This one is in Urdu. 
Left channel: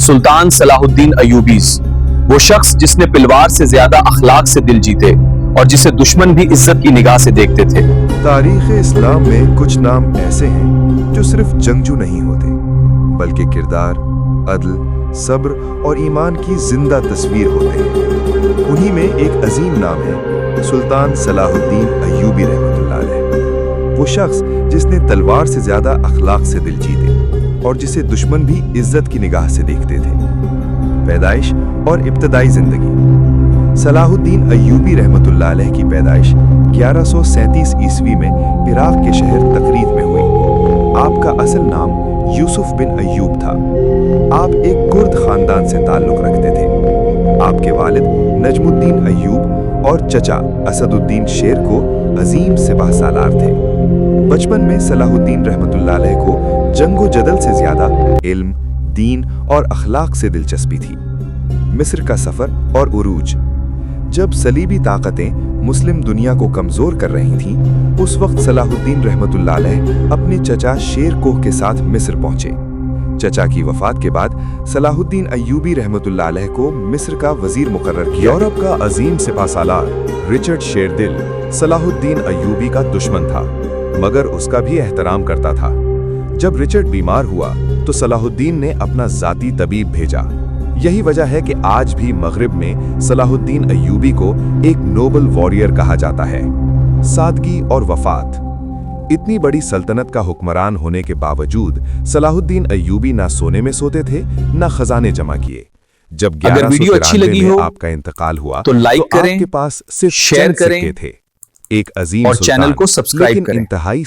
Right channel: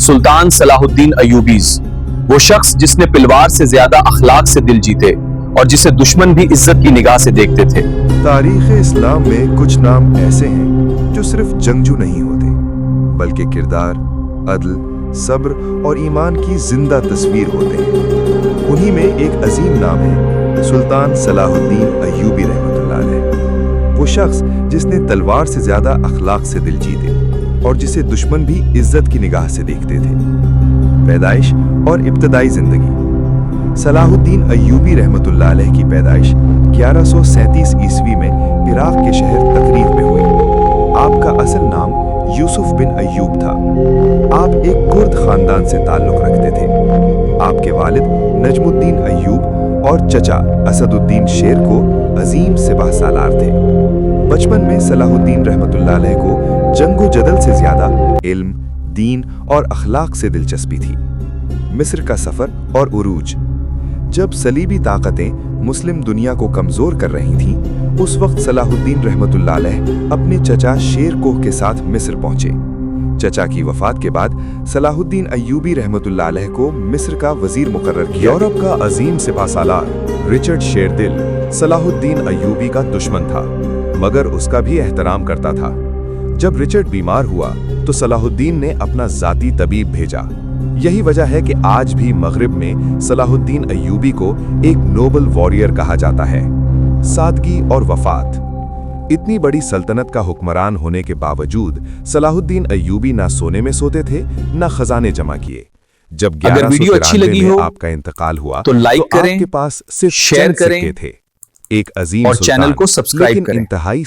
سلطان صلاح الدین ایوبیز، وہ شخص جس نے پلوار سے زیادہ اخلاق سے دل جیتے اور جسے دشمن بھی عزت کی نگاہ سے دیکھتے تھے۔ تاریخ اسلام میں کچھ نام ایسے ہیں جو صرف جنگجو نہیں ہوتے بلکہ کردار، عدل، صبر اور ایمان کی زندہ تصویر ہوتے ہیں۔ انہی میں ایک عظیم نام ہے سلطان صلاح الدین ایوبی رحمۃ اللہ علیہ، وہ شخص جس نے تلوار سے زیادہ اخلاق سے دل جیتے اور جسے دشمن بھی عزت کی نگاہ سے دیکھتے تھے۔ پیدائش اور ابتدائی زندگی۔ صلاح الدین ایوبی رحمۃ اللہ علیہ کی پیدائش 1137 عیسوی میں عراق کے شہر تقریب میں ہوئی۔ آپ کا اصل نام یوسف بن ایوب تھا۔ آپ ایک کرد خاندان سے تعلق رکھتے تھے۔ آپ کے والد نجم الدین ایوب اور چچا اسد الدین شیر کو عظیم سپہ سالار تھے۔ بچپن میں صلاح الدین رحمۃ اللہ علیہ کو جنگ و جدل سے زیادہ علم، دین اور اخلاق سے دلچسپی تھی۔ مصر کا سفر اور عروج۔ جب صلیبی طاقتیں مسلم دنیا کو کمزور کر رہی تھیں، اس وقت صلاح الدین رحمۃ اللہ علیہ اپنے چچا شیر کوہ کے ساتھ مصر پہنچے۔ چچا کی وفات کے بعد صلاح الدین ایوبی رحمۃ اللہ علیہ کو مصر کا وزیر مقرر کیا۔ یورپ کا عظیم سپہ سالار رچرڈ شیردل صلاح الدین ایوبی کا دشمن تھا، مگر اس کا بھی احترام کرتا تھا۔ جب رچرڈ بیمار ہوا تو صلاح الدین نے اپنا ذاتی طبیب بھیجا۔ یہی وجہ ہے کہ آج بھی مغرب میں صلاح الدین ایوبی کو ایک نوبل واریر کہا جاتا ہے۔ سادگی اور وفات۔ اتنی بڑی سلطنت کا حکمران ہونے کے باوجود صلاح الدین ایوبی نہ سونے میں سوتے تھے نہ خزانے جمع کیے۔ جب اگر ویڈیو اچھی لگی ہو آپ کا انتقال ہوا تو لائک کریں، آپ کے پاس صرف شیئر چند کریں سکے تھے۔ ایک عظیم اور سلطان، چینل کو سبسکرائب لیکن کریں۔ انتہائی